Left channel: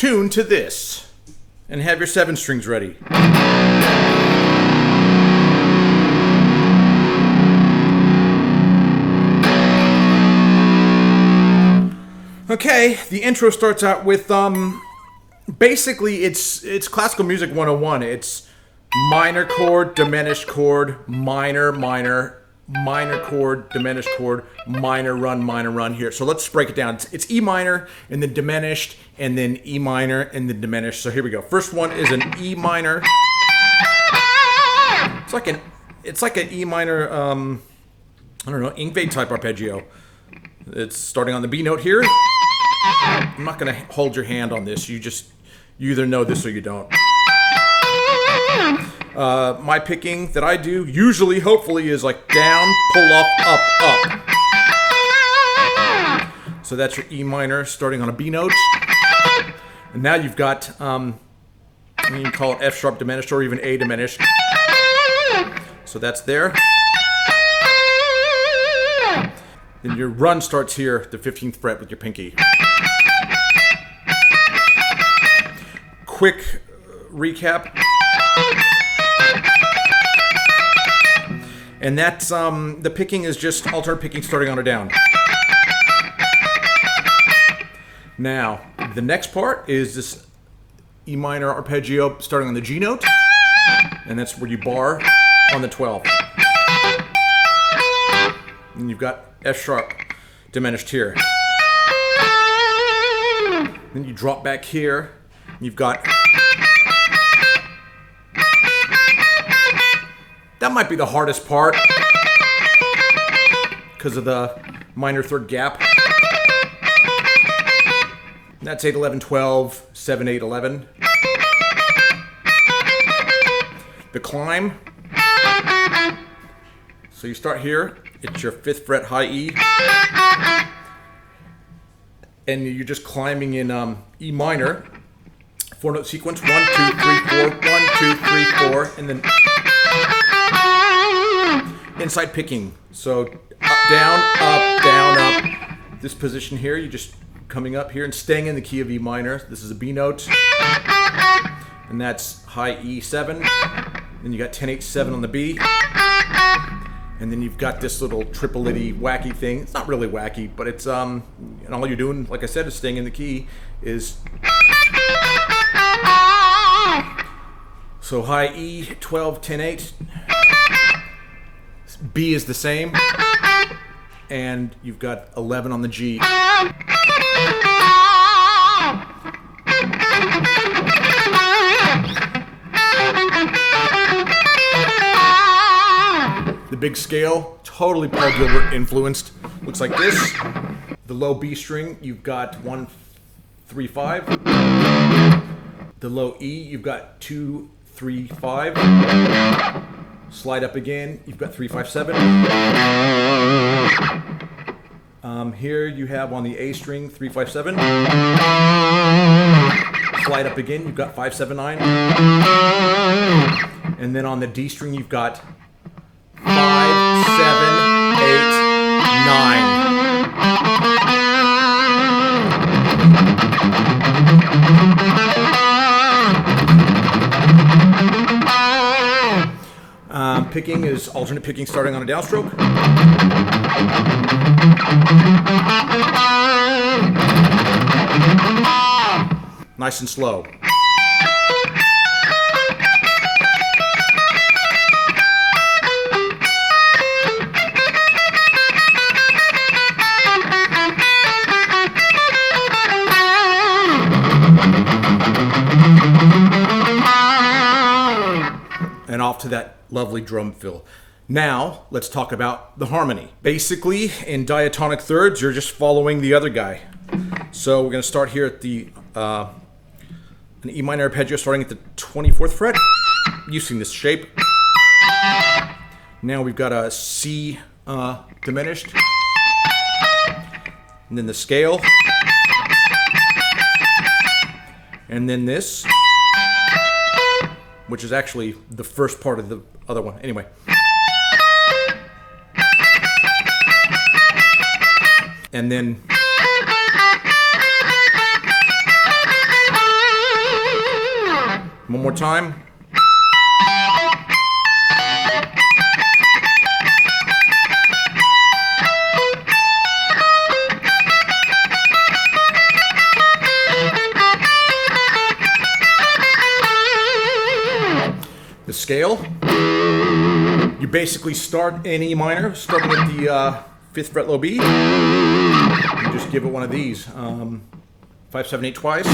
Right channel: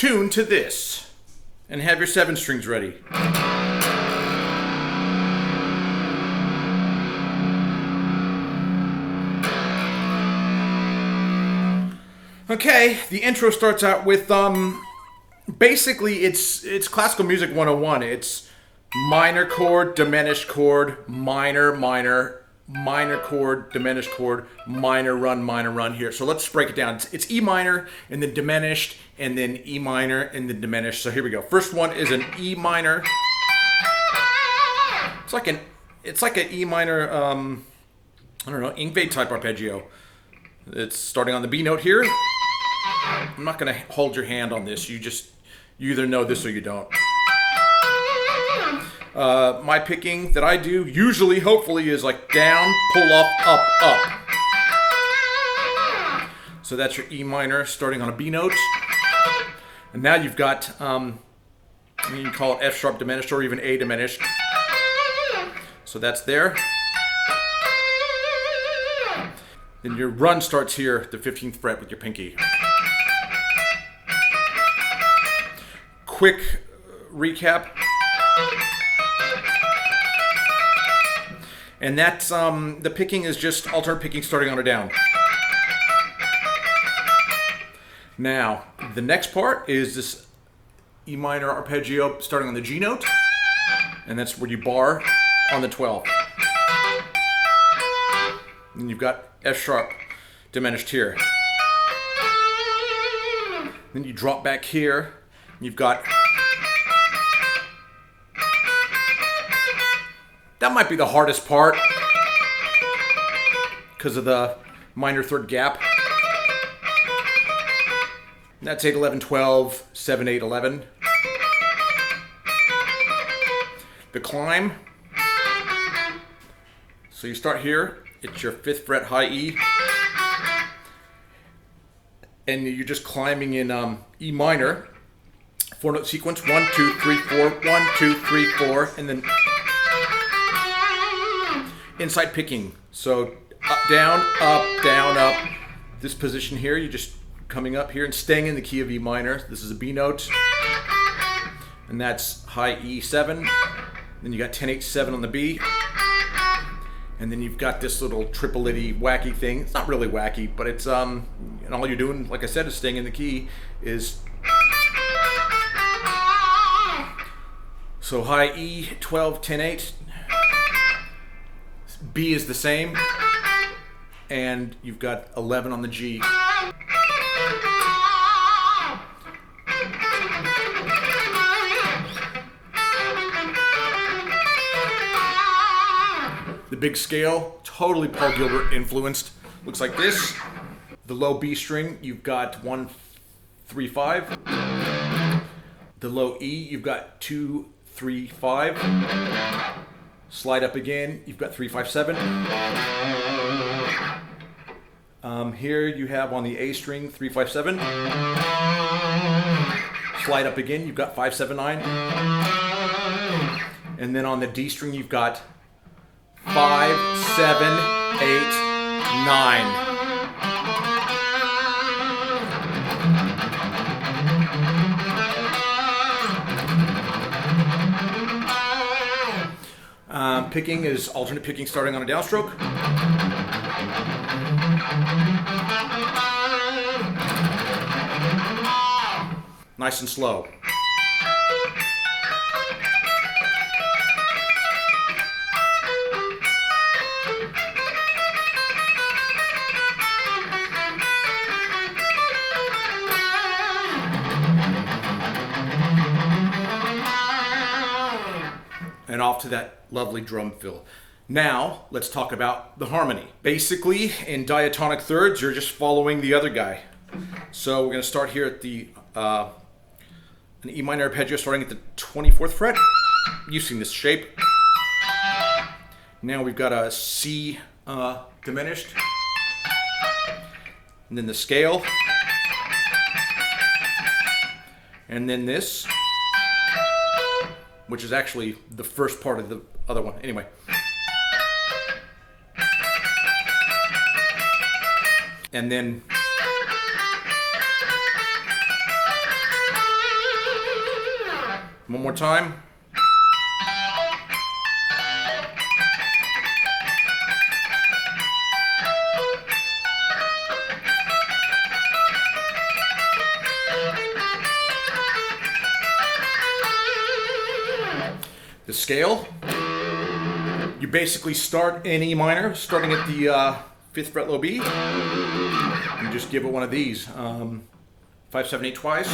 tune to this. And have your 7 strings ready. Okay, the intro starts out with, basically it's classical music 101. It's minor chord, diminished chord, minor, minor, minor chord, diminished chord, minor run here. So let's break it down. It's E minor, and then diminished, and then E minor, and then diminished. So here we go. First one is an E minor. It's like an E minor, I don't know, Ingve type arpeggio. It's starting on the B note here. I'm not going to hold your hand on this. You either know this or you don't. My picking that I do, usually, hopefully, is like down, pull up, up. So that's your E minor starting on a B note. And now you've got, you can call it F sharp diminished or even A diminished. So that's there. Then your run starts here, the 15th fret with your pinky. Quick recap. And that's, the picking is just alternate picking starting on a down. Now, the next part is this E minor arpeggio starting on the G note. And that's where you bar on the 12. And you've got F sharp diminished here. Then you drop back here. You've got... That might be the hardest part because of the minor third gap. That's 8, 11, 12, 7, 8, 11. The climb. So you start here. It's your 5th fret high E. And you're just climbing in E minor. 4-note sequence. 1, 2, 3, 4. 1, 2, 3, 4. And then inside picking. So up, down, up. This position here, you're just coming up here and staying in the key of E minor. This is a B note. And that's high E7. Then you got 10, 8, 7 on the B. And then you've got this little triple-itty wacky thing. It's not really wacky, but it's, and all you're doing, like I said, is staying in the key, is... So high E, 12, 10, 8. B is the same. And you've got 11 on the G. The big scale, totally Paul Gilbert influenced. Looks like this. The low B string, you've got 1, 3, 5. The low E, you've got 2, 3, 5. Slide up again, you've got 3, 5, 7. Here you have on the A string 3, 5, 7. Slide up again, you've got 5, 7, 9. And then on the D string you've got 5, 7, 8, 9. Picking is alternate picking starting on a downstroke. Nice and slow. And off to that lovely drum fill. Now, let's talk about the harmony. Basically, in diatonic thirds, you're just following the other guy. So we're going to start here at the an E minor arpeggio starting at the 24th fret, using this shape. Now we've got a C diminished, and then the scale, and then this, which is actually the first part of the other one. Anyway. And then One more time. The scale, you basically start in E minor, starting at the 5th fret low B. You just give it one of these, 5, 7, 8 twice.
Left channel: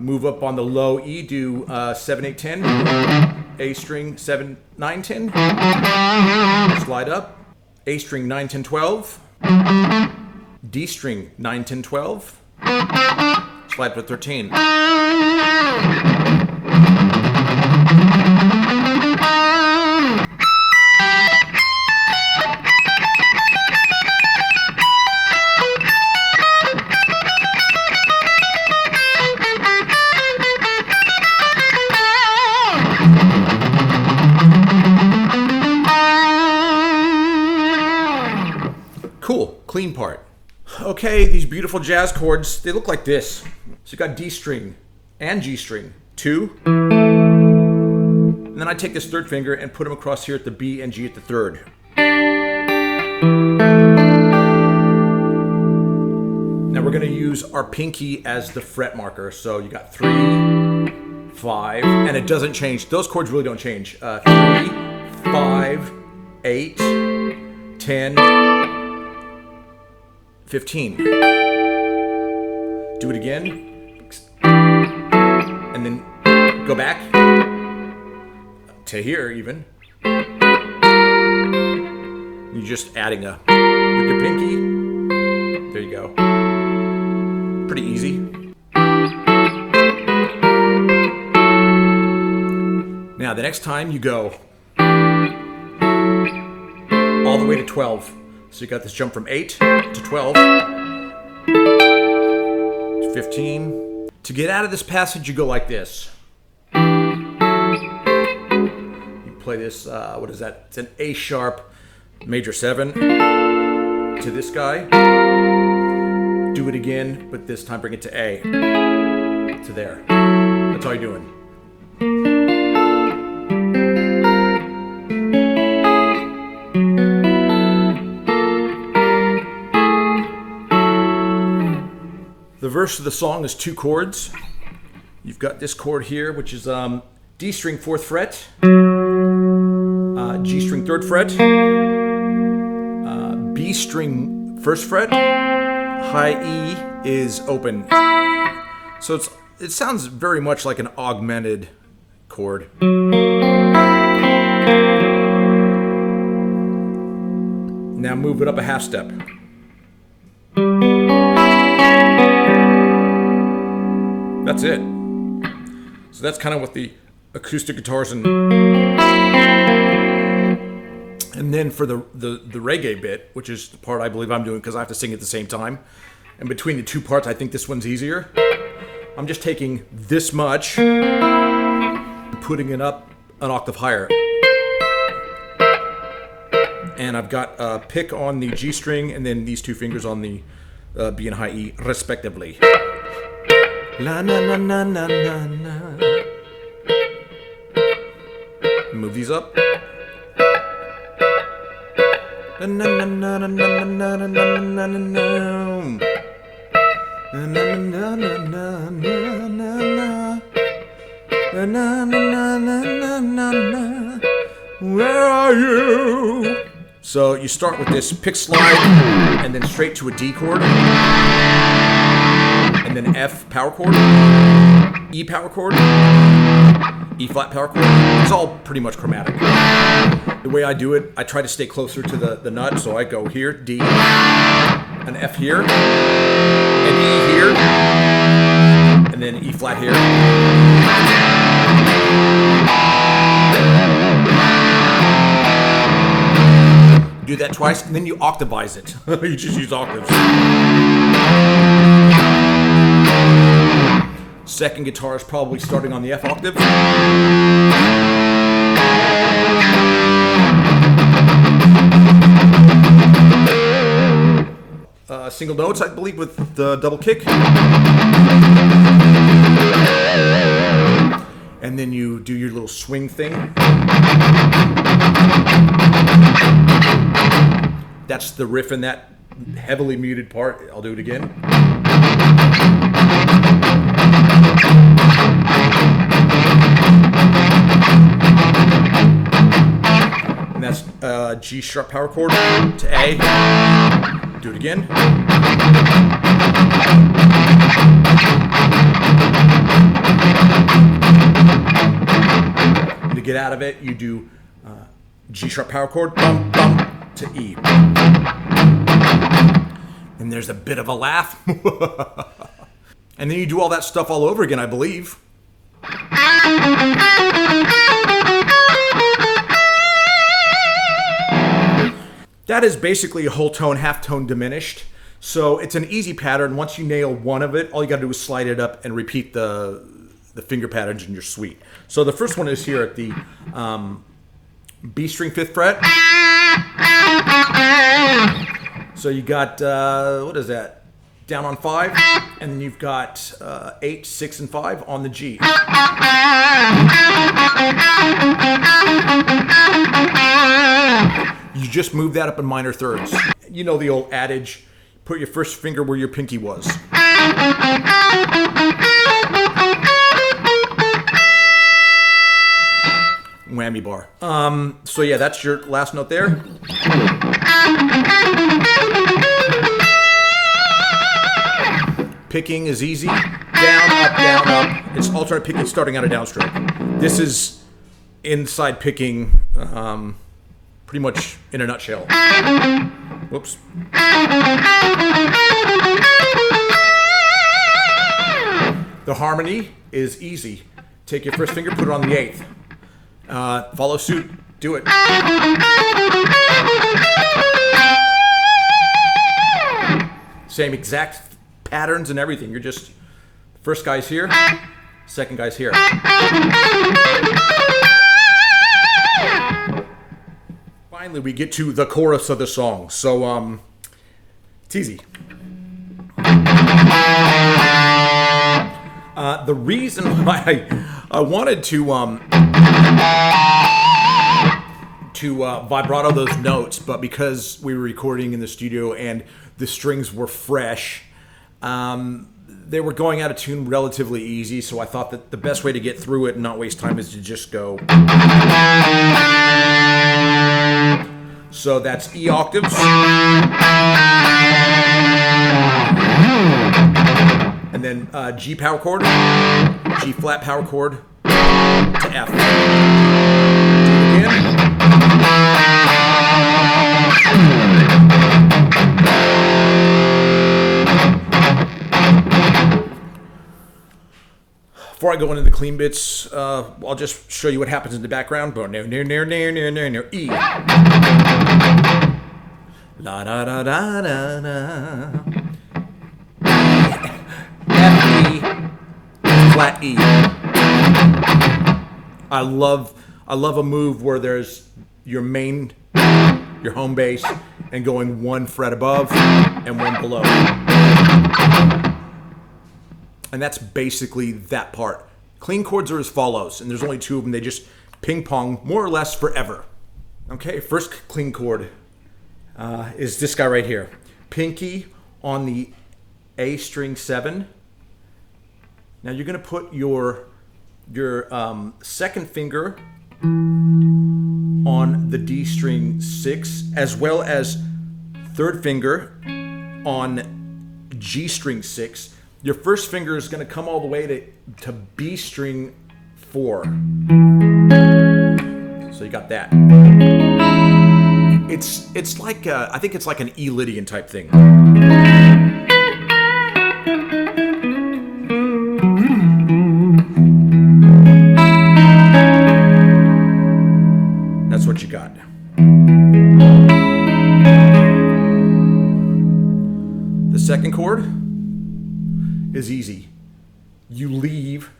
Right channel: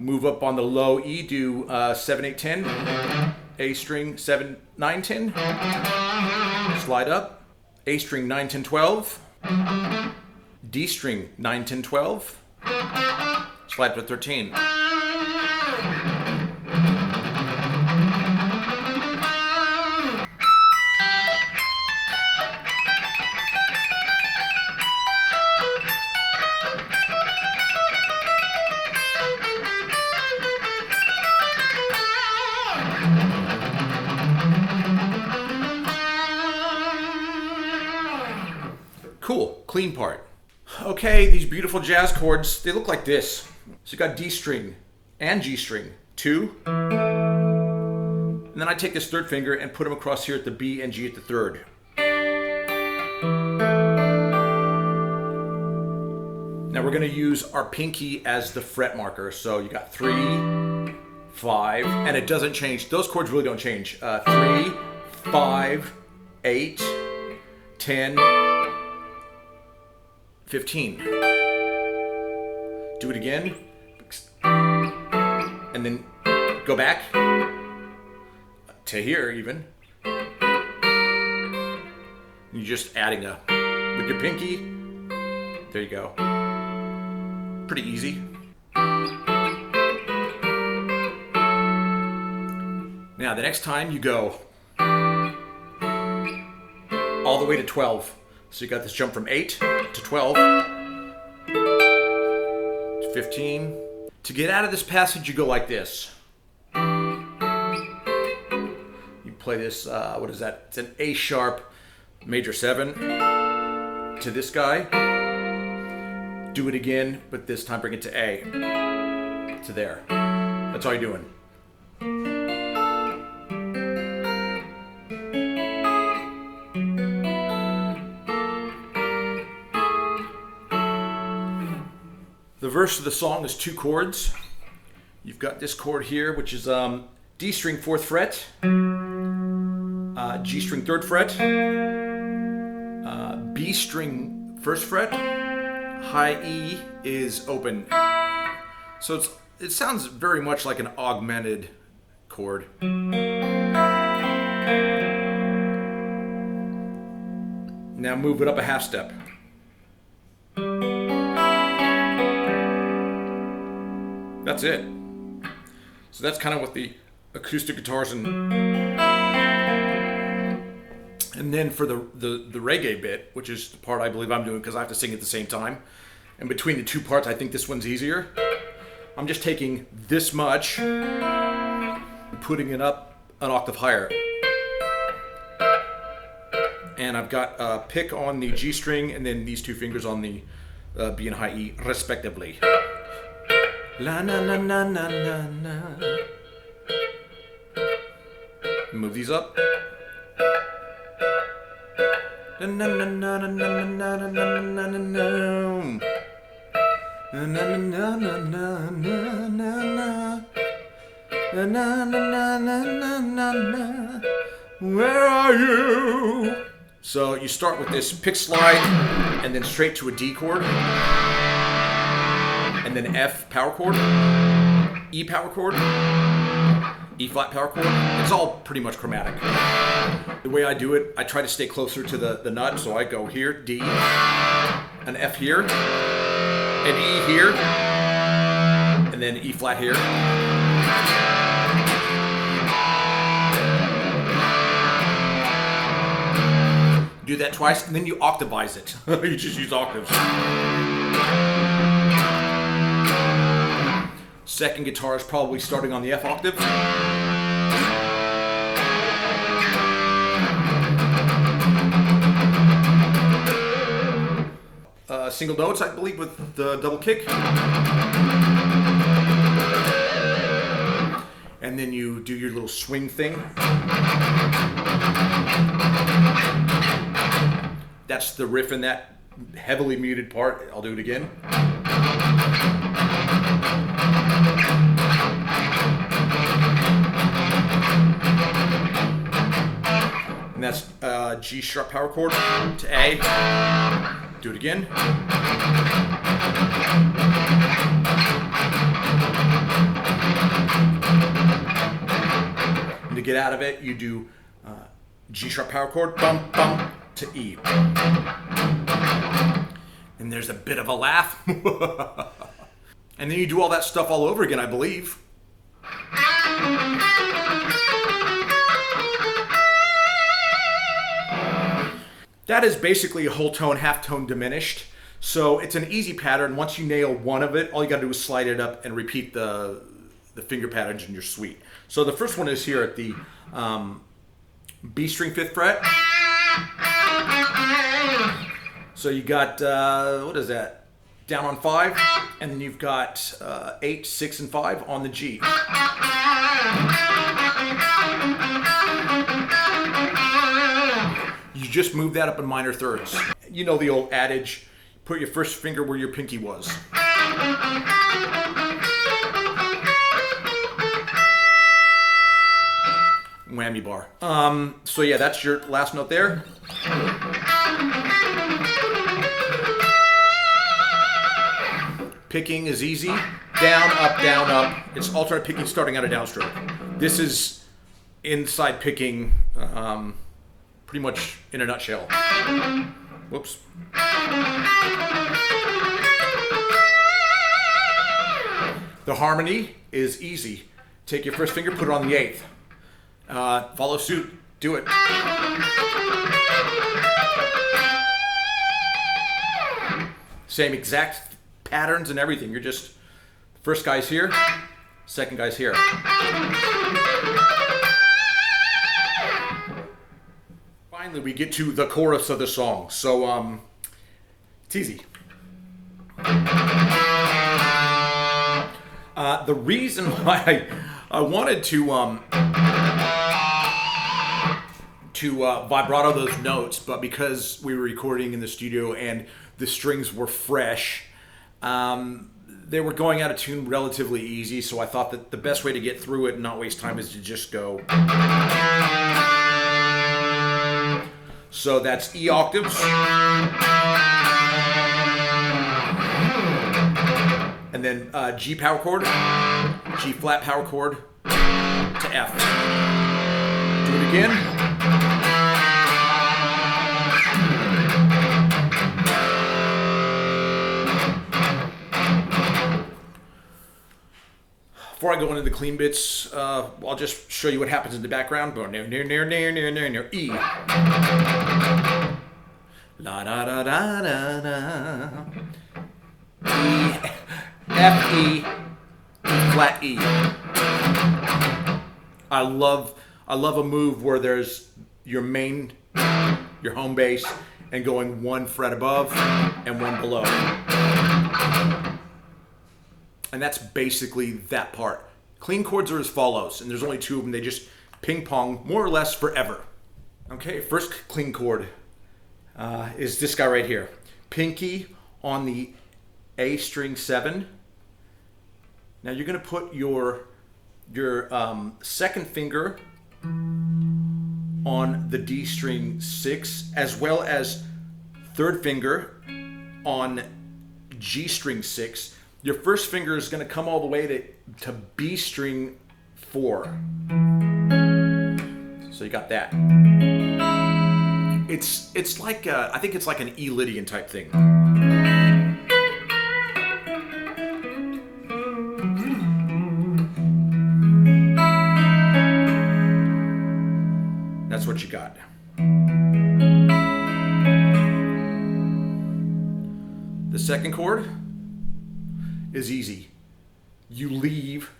Move up on the low E, do 7, 8, 10. A string 7, 9, 10. Slide up. A string 9, 10, 12. D string 9, 10, 12. Slide to 13. Cool, clean part. Okay, these beautiful jazz chords, they look like this. So you got D string and G string, 2. And then I take this 3rd finger and put them across here at the B and G at the 3rd. Now we're gonna use our pinky as the fret marker. So you got 3, 5, and it doesn't change. Those chords really don't change. 3, 5, 8, 10, 15. Do it again. And then go back to here even. You're just adding with your pinky. There you go. Pretty easy. Now the next time you go all the way to 12. So you got this jump from 8 to 12 to 15. To get out of this passage, you go like this. You play this, what is that? It's an A sharp major 7 to this guy. Do it again, but this time bring it to A. To there. That's all you're doing. The verse of the song is 2 chords. You've got this chord here, which is D string 4th fret, G string 3rd fret, B string 1st fret, high E is open. So it sounds very much like an augmented chord. Now move it up a half step. That's it. So that's kind of what the acoustic guitars and then for the reggae bit, which is the part I believe I'm doing because I have to sing at the same time. And between the 2 parts, I think this one's easier. I'm just taking this much and putting it up an octave higher. And I've got a pick on the G string and then these 2 fingers on the B and high E respectively. La na na na na na na. Move these up. Na na na na na na na na na na na na. Na na na na na na na na. Na na na na na na. Where are you? So you start with this pick slide and then straight to a D chord. And then F power chord, E power chord, E flat power chord. It's all pretty much chromatic. The way I do it, I try to stay closer to the nut, so I go here, D, an F here, an E here, and then E flat here. Do that twice, and then you octavize it. You just use octaves. Second guitar is probably starting on the F octave. Single notes, I believe, with the double kick. swing thing. That's the riff in that heavily muted part. I'll do it again. And that's G sharp power chord to A. Do it again. And to get out of it, you do G sharp power chord, bum, bum, to E. And there's a bit of a laugh. And then you do all that stuff all over again, I believe. That is basically a whole tone, half tone diminished. So it's an easy pattern. Once you nail one of it, all you got to do is slide it up and repeat the finger patterns in your suite. So the first one is here at the B string 5th fret. So you got, what is that? Down on 5, and then you've got 8, 6, and 5 on the G. You just move that up in minor thirds. You know the old adage, put your first finger where your pinky was. Whammy bar. So yeah, that's your last note there. Picking is easy. Down, up, down, up. It's alternate picking starting out a downstroke. This is inside picking pretty much in a nutshell. Whoops. The harmony is easy. Take your first finger, put it on the 8th. Follow suit. Do it. Same exact patterns and everything. You're just, first guy's here, second guy's here. Finally, we get to the chorus of the song. So, it's easy. The reason why I wanted to vibrato those notes, but because we were recording in the studio and the strings were fresh, they were going out of tune relatively easy, so I thought that the best way to get through it and not waste time is to just go. So that's E octaves. And then G power chord, G flat power chord to F. Do it again. Before I go into the clean bits, I'll just show you what happens in the background. E. La da da da da da. F E flat E. I love a move where there's your main, your home base, and going one fret above and one below. And that's basically that part. Clean chords are as follows, and there's only 2 of them. They just ping pong more or less forever. Okay, first clean chord is this guy right here. Pinky on the A string 7. Now you're going to put your second finger on the D string 6, as well as third finger on G string 6. Your first finger is going to come all the way to B string 4. So you got that. It's like I think it's like an E Lydian type thing. That's what you got. The second chord is easy. You leave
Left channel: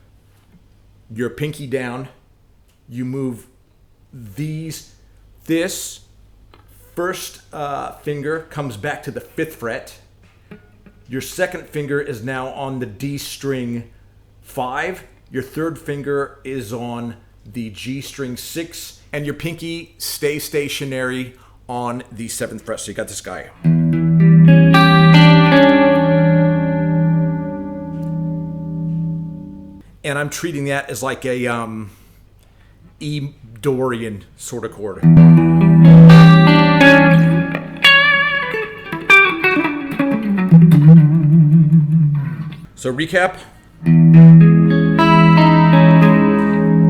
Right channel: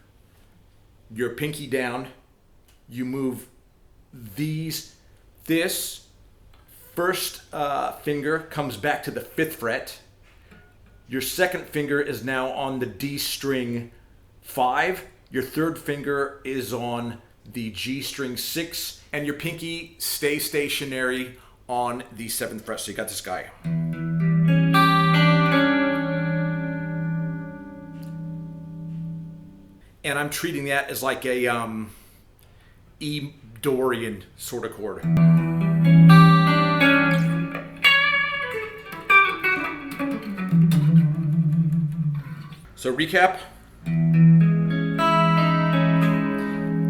your pinky down, you move this first finger comes back to the 5th fret. Your second finger is now on the D string 5. Your third finger is on the G string 6, and your pinky stays stationary on the 7th fret. So you got this guy. And I'm treating that as like a E Dorian sort of chord. So recap.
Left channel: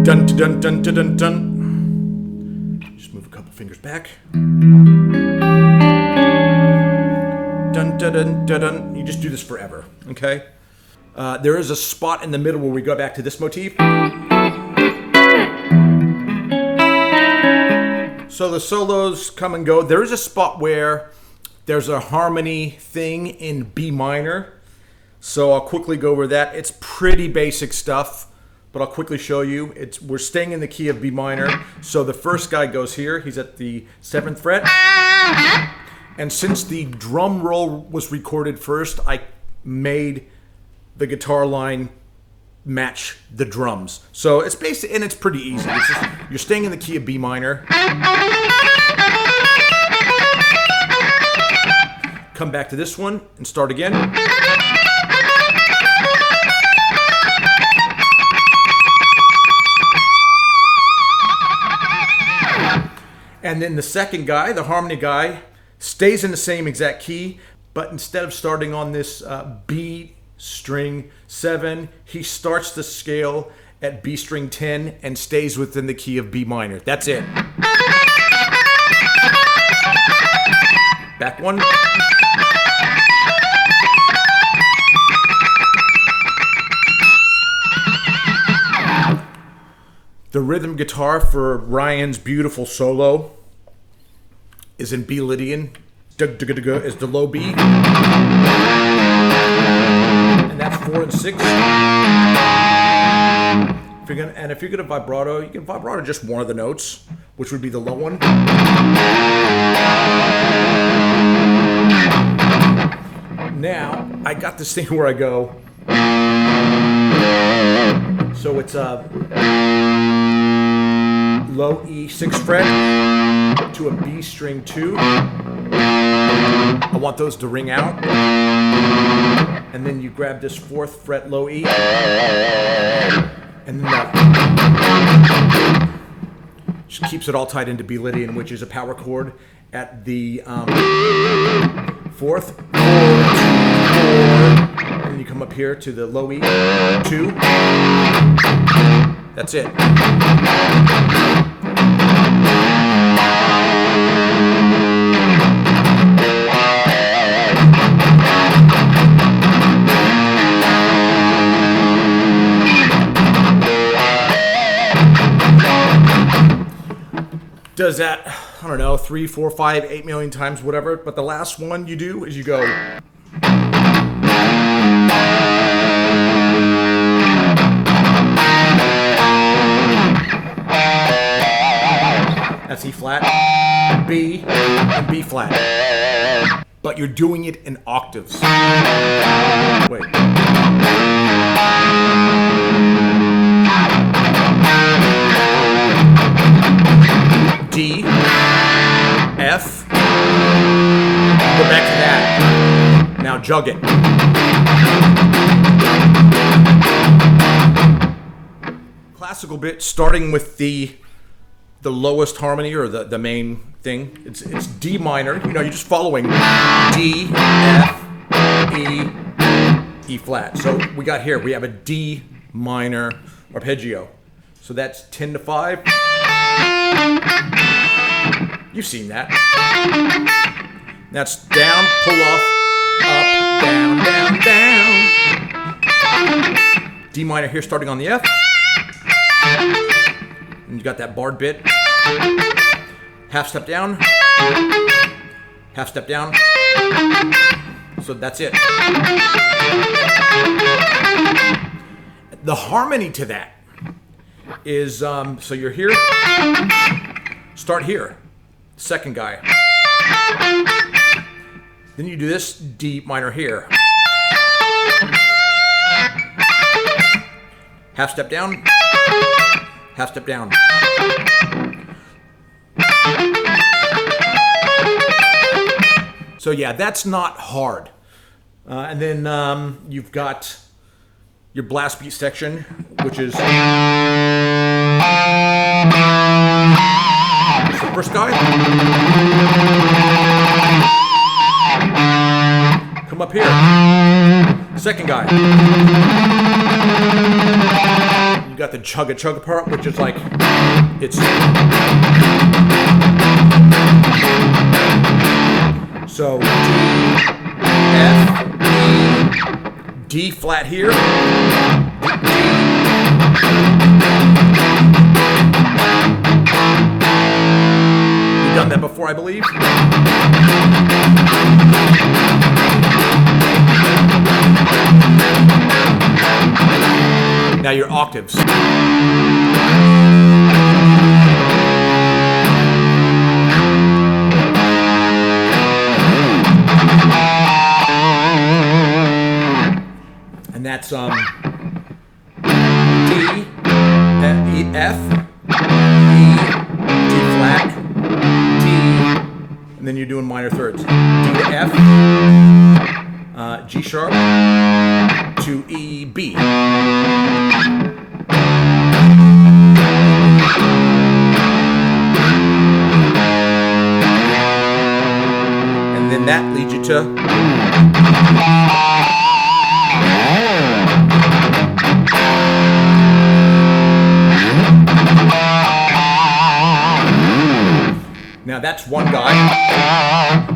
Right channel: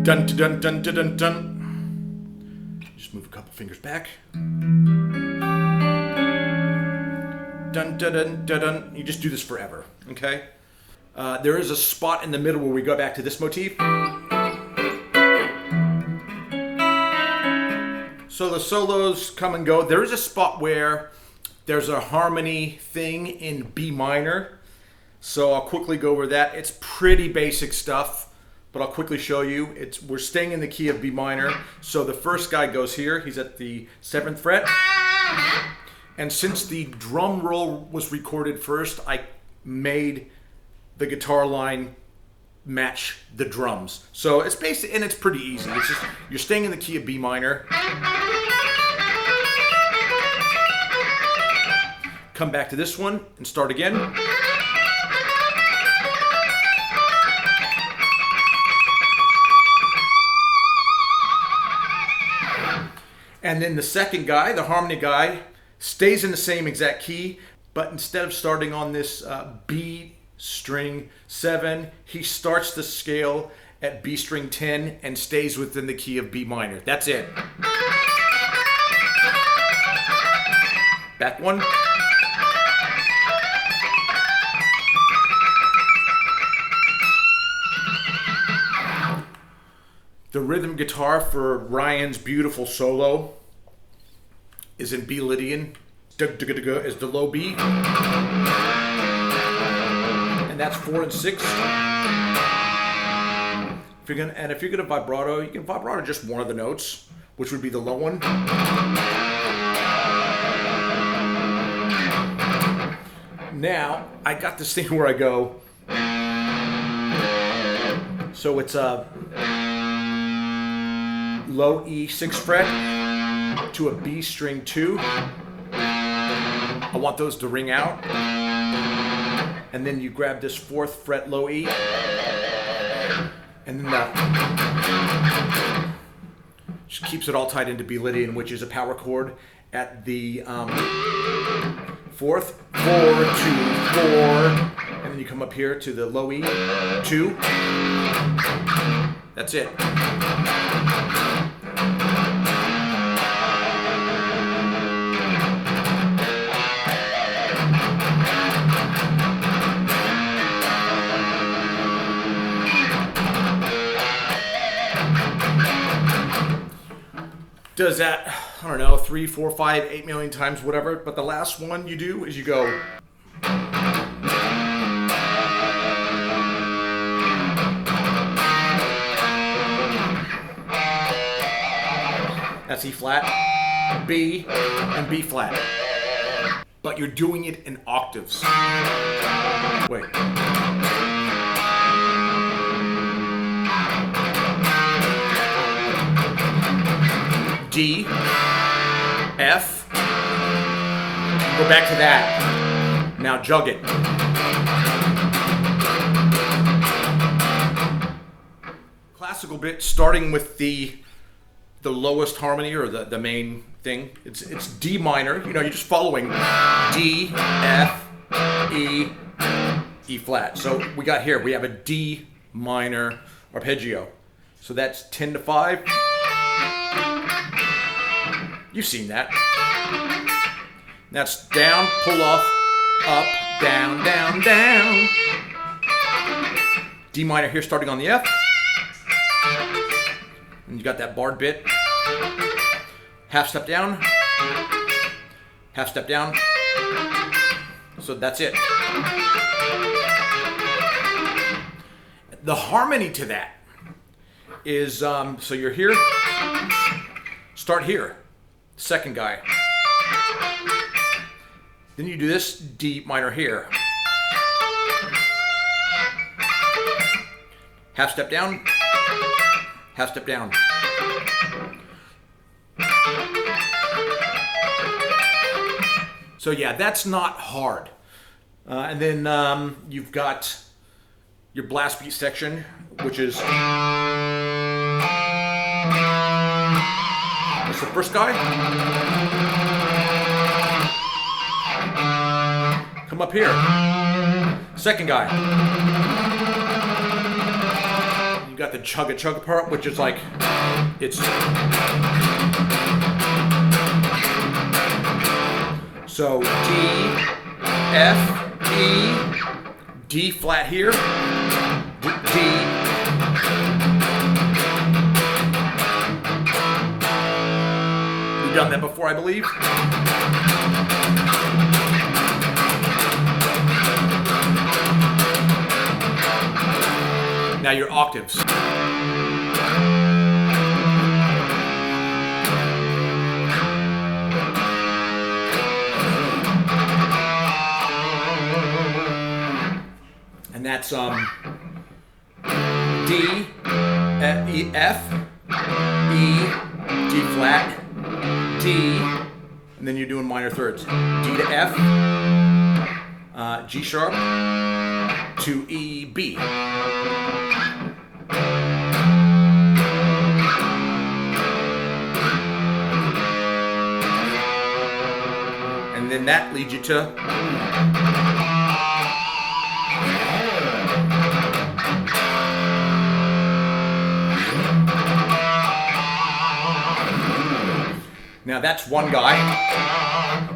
Dun dun dun dun dun dun. Just move a couple fingers back. Dun dun dun dun dun. You just do this forever, okay? There is a spot in the middle where we go back to this motif. So the solos come and go. There is a spot where there's a harmony thing in B minor. So I'll quickly go over that. It's pretty basic stuff, but I'll quickly show you. We're staying in the key of B minor. So the first guy goes here. He's at the 7th fret. And since the drum roll was recorded first, I made the guitar line match the drums. So it's basic, and it's pretty easy. It's just, you're staying in the key of B minor. Come back to this one and start again. And then the second guy, the harmony guy, stays in the same exact key, but instead of starting on this B string 7, he starts the scale at B string 10 and stays within the key of B minor. That's it. Back one. The rhythm guitar for Ryan's beautiful solo is in B Lydian. Is the low B. And that's 4 and 6. If you're gonna vibrato, you can vibrato just one of the notes, which would be the low one. Now, I got this thing where I go. So it's a low E 6th fret to a B string 2. I want those to ring out. And then you grab this 4th fret low E. And then just keeps it all tied into B Lydian, which is a power chord at the 4th, 4, 2, 4. And then you come up here to the low E 2. That's it. Does that, I don't know, 3, 4, 5, 8 million times, whatever. But the last one you do is you go. That's E flat, B, and B flat. But you're doing it in octaves. Wait. D, F, go back to that. Now jug it. Classical bit, starting with the lowest harmony or the main thing. It's D minor. You know, you're just following D, F, E, E flat. So we got here, we have a D minor arpeggio. So that's 10 to 5. You've seen that. That's down, pull off, up, down, down, down. D minor here starting on the F. And you got that barred bit. Half step down. Half step down. So that's it. The harmony to that is, so you're here. Start here. Second guy. Then you do this D minor here. Half step down. half step down. So yeah, that's not hard. And then you've got your blast beat section, which is the first guy. Come up here. Second guy. You got the chugga part, which is like, it's... So D, F, E, D flat here, D. You've done that before, I believe. Now your octaves. And that's D, E, F, E, D flat, D, and then you're doing minor thirds. D to F, G sharp to E, B. And then that leads you to now that's one guy.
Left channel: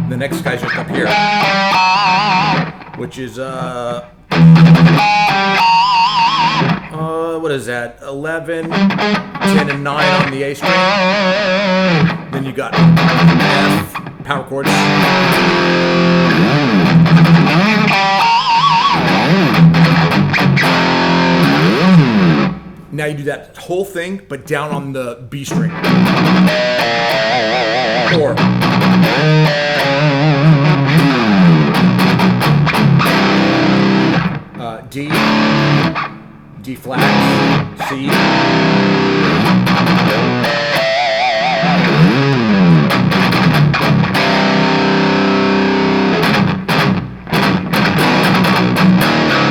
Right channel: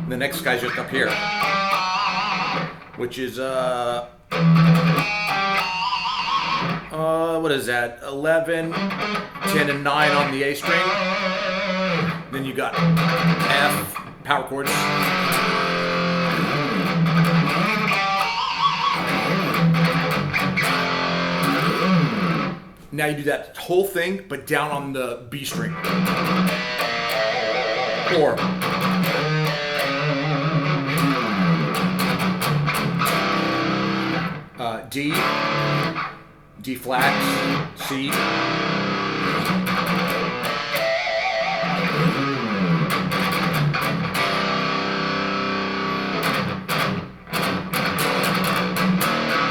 The next guy's just up here, which is what is that? 11, 10, and 9 on the A string. Then you got F power chords. Now you do that whole thing, but down on the B string. Or D, D flat, C.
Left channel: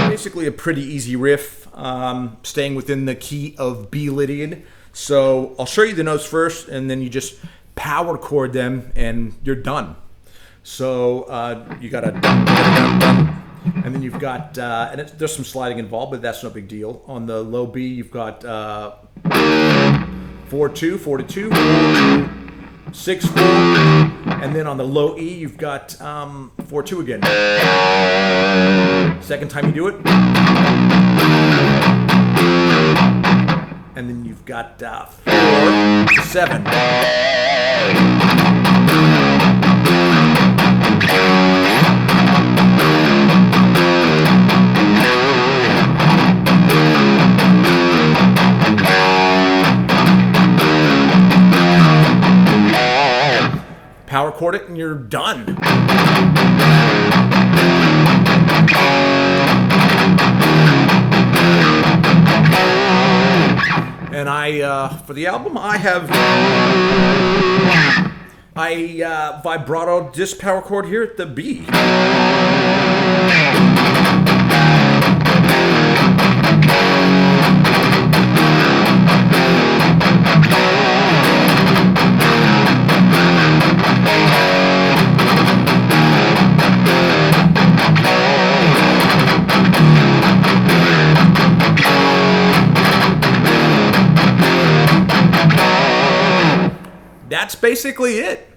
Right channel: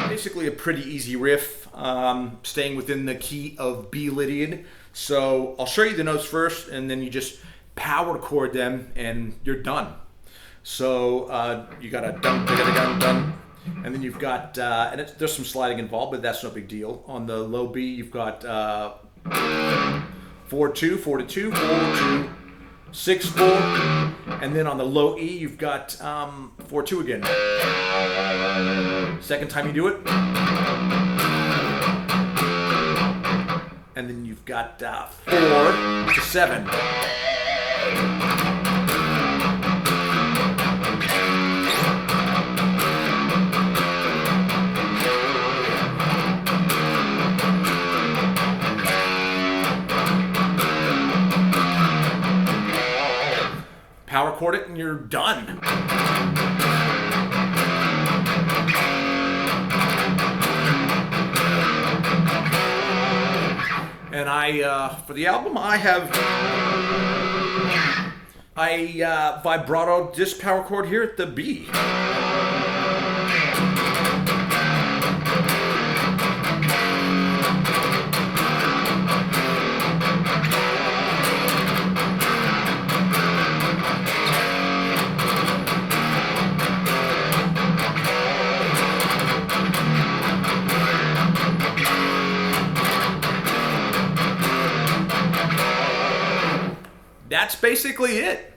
Basically a pretty easy riff, staying within the key of B Lydian. So I'll show you the notes first, and then you just power chord them, and you're done. So you got a dun, dun, dun, and then you've got, and there's some sliding involved, but that's no big deal. On the low B, you've got 4-2, 4-2, 4-2, 6-4, and then on the low E, you've got 4-2 again. Second time you do it. And then you've got 4-7. Power chord it and you're done. And for the album, I vibrato this power chord here at the B. That's basically it.